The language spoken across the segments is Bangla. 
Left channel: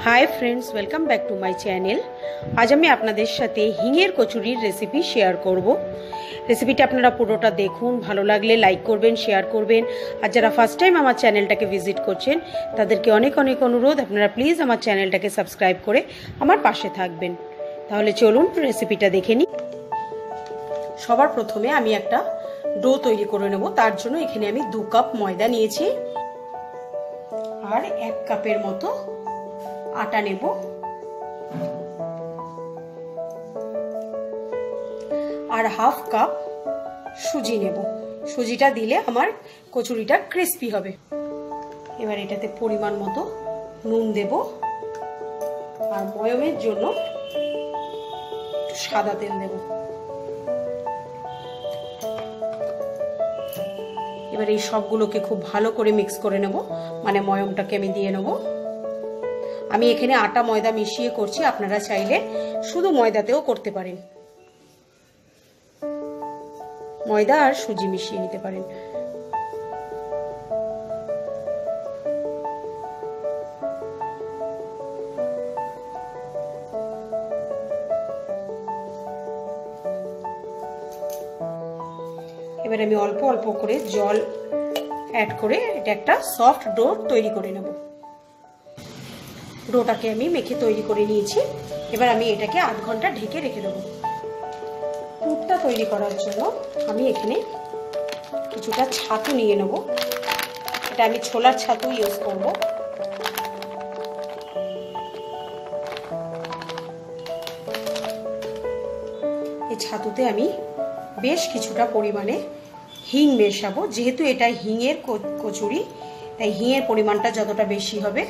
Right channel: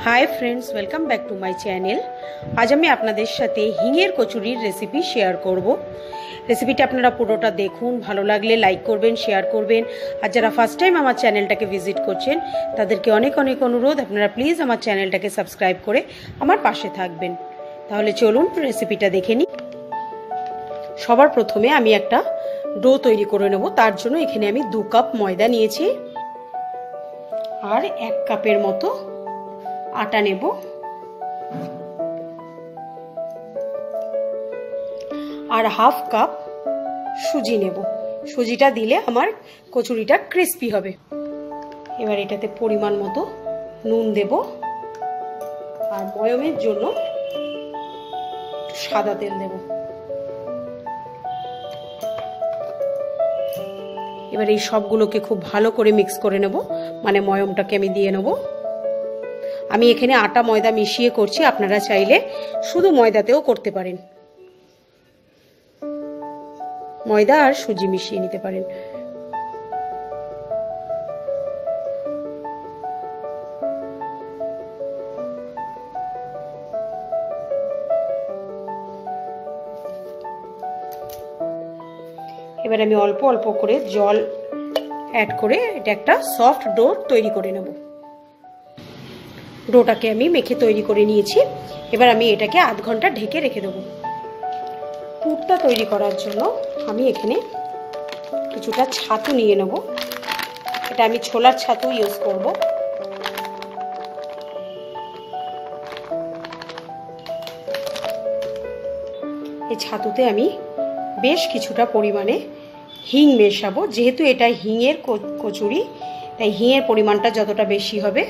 Hi friends, welcome back to my channel. आज আমি আপনাদের সাথে হিঙের কচুরির রেসিপি শেয়ার করব। রেসিপিটা আপনারা পুরোটা দেখুন, ভালো লাগলে লাইক করবেন, শেয়ার করবেন। আর যারা ফার্স্ট টাইম আমার চ্যানেলটাকে ভিজিট করছেন তাদেরকে অনেক অনেক অনুরোধ, আপনারা প্লিজ আমার চ্যানেলটাকে সাবস্ক্রাইব করে আমার পাশে থাকবেন। তাহলে চলুন রেসিপিটা দেখে নিই। সবার প্রথমে আমি একটা ডো তৈরি করে নেব। তার জন্য এখানে আমি 2 কাপ ময়দা নিয়েছি আর 1 কাপের মতো আটা নেব। আর হাফ কাপ সুজি নেব। সুজিটা দিলে আমার কচুরিটা ক্রিস্পি হবে। এবার এটাতে পরিমাণ মতো নুন দেব আর ময়মের জন্য সাদা তেল দেব। এবার এই সবগুলোকে খুব ভালো করে মিক্স করে নেব, মানে ময়মটাকে আমি দিয়ে নেব। আমি এখানে আটা ময়দা মিশিয়ে করছি, আপনারা চাইলে শুধু ময়দাতেও করতে পারেন, ময়দা আর সুজি মিশিয়ে নিতে পারেন। এবার আমি অল্প অল্প করে জল অ্যাড করে এটা একটা সফট ডো তৈরি করে নেব। ডোটাকে আমি মেখে তৈরি করে নিয়েছি। এবার আমি এটাকে আধ ঘন্টা ঢেকে রেখে দেবো। পুরটা তৈরি করার জন্য আমি এখানে কিছুটা ছাতু নিয়ে নেব। এটা আমি ছোলার ছাতু ইউজ করব। এই ছাতুতে আমি বেশ কিছুটা পরিমাণে হিং মেশাবো। যেহেতু এটা হিঙের কচুরি, তাই হিঙের পরিমাণটা যতটা বেশি হবে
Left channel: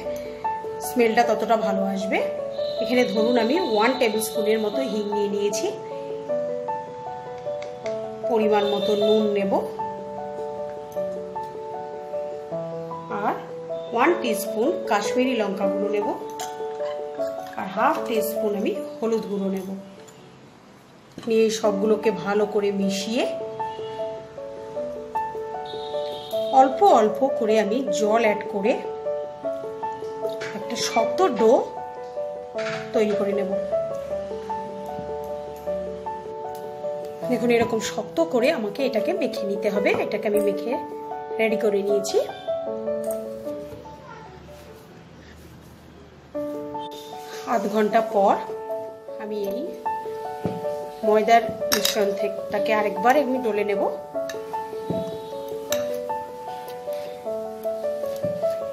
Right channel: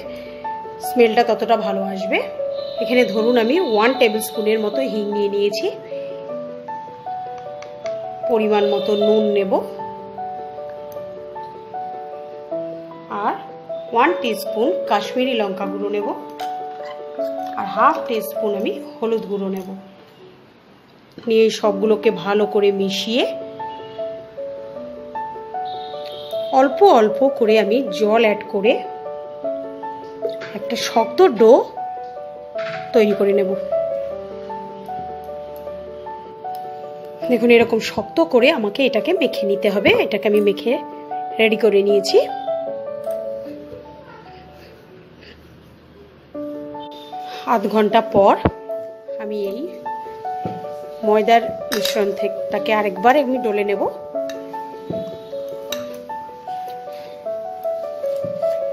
স্মেলটা ততটা ভালো আসবে। এখানে ধরুন আমি 1 টেবিল স্পুনের মতো হিং নিয়ে নিয়েছি। পরিমাণ মতো নুন নেব আর 1 টিস্পুন কাশ্মীরি লঙ্কা গুঁড়ো নেব আর হাফ টিস্পুন আমি হলুদ গুঁড়ো নেব। নিয়ে সবগুলোকে ভালো করে মিশিয়ে অল্প অল্প করে আমি জল অ্যাড করে একটা শক্ত ডো তৈরি করে নেব। দেখুন এরকম শক্ত করে আমাকে এটাকে মেখে নিতে হবে। এটাকে আমি মেখে রেডি করে নিয়েছি। আধ ঘন্টা পর আমি এই ময়দার মিশ্রণ থেকে আরেকবার আমি ডলে নেব।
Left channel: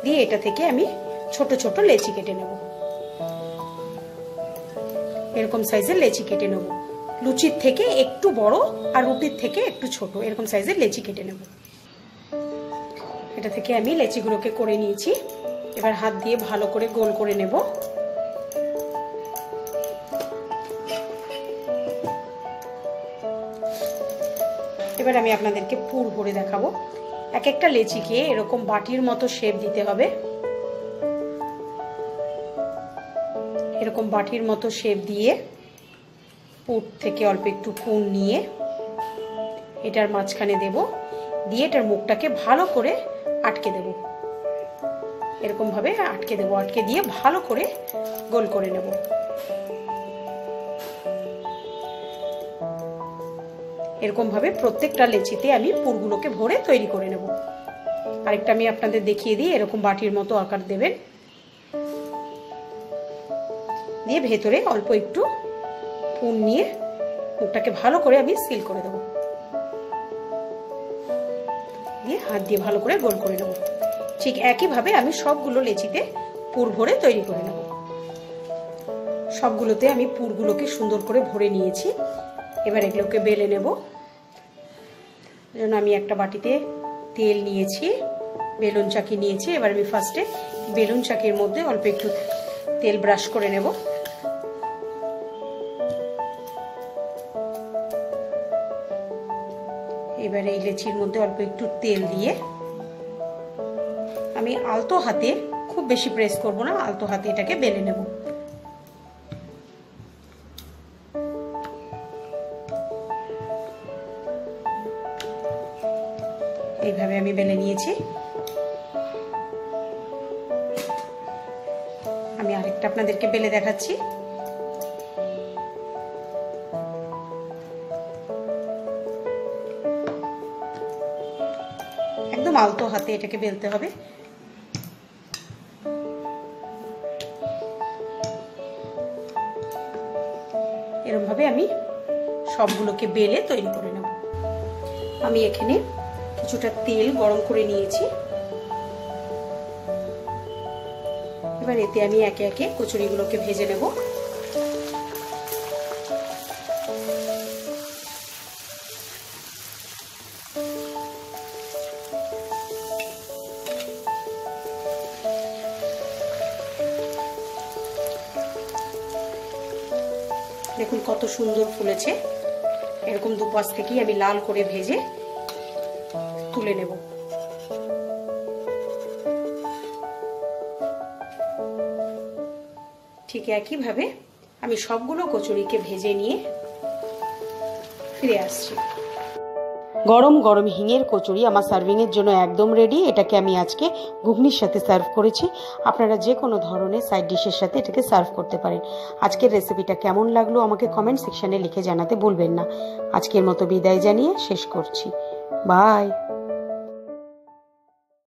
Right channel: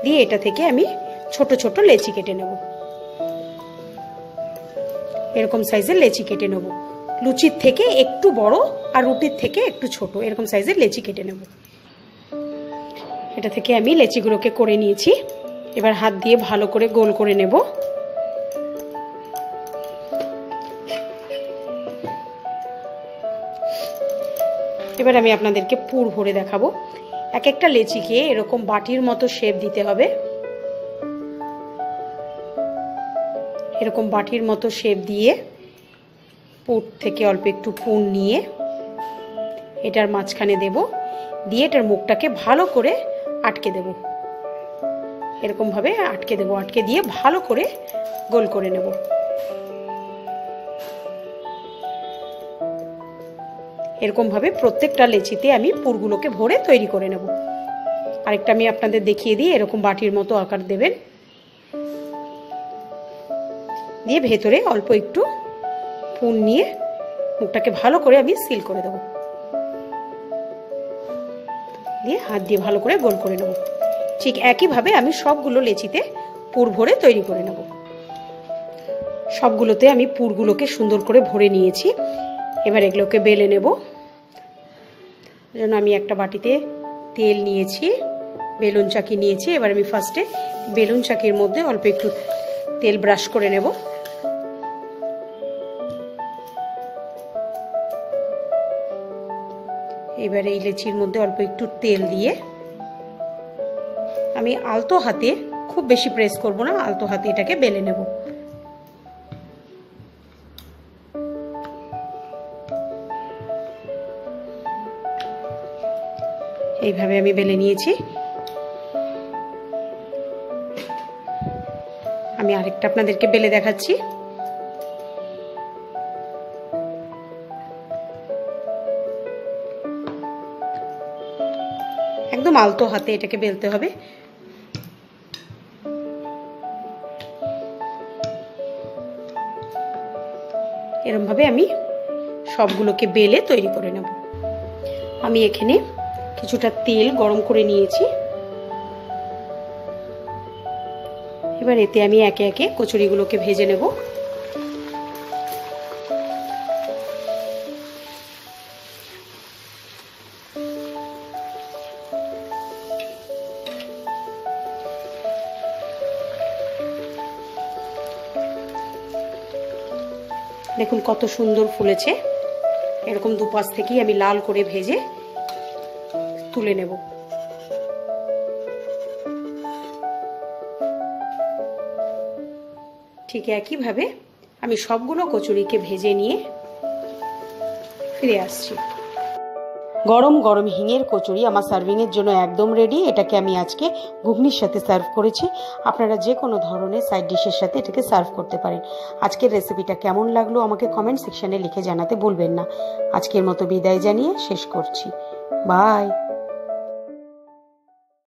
দিয়ে এটা থেকে আমি ছোট ছোট লেচি কেটে নেব। এরকম সাইজের লেচি কেটে নেব। লুচির থেকে একটু বড় আর রুটির থেকে একটু ছোট এরকম সাইজের লেচি কেটে নেব। এটা থেকে আমি লেচিগুলোকে করে নিয়েছি। এবার হাত দিয়ে ভালো করে গোল করে নেব। এবার আমি আপনাদেরকে পুর ভরে দেখাবো। এক একটা লেচিকে এরকম বাটির মতো শেপ দিতে হবে। এরকম বাটির মতো শেপ দিয়ে পুর থেকে অল্প একটু পুর নিয়ে এটার মাঝখানে দেব। দিয়ে এটার মুখটাকে ভালো করে আটকে দেব। এরকম ভাবে আটকে দেব। আটকে দিয়ে ভালো করে গোল করে নেব। এরকম ভাবে প্রত্যেকটা লেচিতে আমি পুরগুলোকে ভরে তৈরি করে নেব। আরেকটা আমি আপনাদের দেখিয়ে দিই। এরকম বাটির মতো আকার দেবেন, দিয়ে ভেতরে অল্প একটু পুর নিয়ে মুখটাকে ভালো করে আমি সিল করে দেব। দিয়ে হাত দিয়ে ভালো করে গোল করে নেব। ঠিক একইভাবে আমি সবগুলো লেচিতে পুর ভরে তৈরি করে নেব। সবগুলোতে আমি পুরগুলোকে সুন্দর করে ভরে নিয়েছি। এবার এগুলোকে বেলে নেব। যেন আমি একটা বাটিতে তেল নিয়েছি, বেলুন চাকি নিয়েছি। এবার আমি ফার্স্টে বেলুন চাকির মধ্যে অল্প একটু তেল ব্রাশ করে নেব। এবার এই লেচির মধ্যে অল্প একটু তেল দিয়ে আমি আলতো হাতে, খুব বেশি প্রেস করব না, আলতো হাতে এটাকে বেলে নেব। এইভাবে আমি বেলে নিয়েছি। আমি আরেকটা আপনাদেরকে বেলে দেখাচ্ছি। একদম আলতো হাতে এটাকে বেলতে হবে। এরকম ভাবে আমি সবগুলোকে বেলে তৈরি করে নেব। আমি এখানে কিছুটা তেল গরম করে নিয়েছি। এবার এতে আমি একে একে কচুরিগুলোকে ভেজে নেব। দেখুন কত সুন্দর ফুলেছে। এরকম দুপাশ থেকেই আমি লাল করে ভেজে তুলে নেব। ঠিক একইভাবে আমি সবগুলো কচুরিকে ভেজে নিয়ে ফিরে আসছি। গরম গরম হিঙের কচুরি আমার সার্ভিংয়ের জন্য একদম রেডি। এটাকে আমি আজকে ঘুগনির সাথে সার্ভ করেছি। আপনারা যে কোনো ধরনের সাইড ডিশের সাথে এটাকে সার্ভ করতে পারেন। আজকের রেসিপিটা কেমন লাগলো আমাকে কমেন্ট সেকশনে লিখে জানাতে ভুলবেন না। আজকের মতো বিদায় জানিয়ে শেষ করছি। বাই।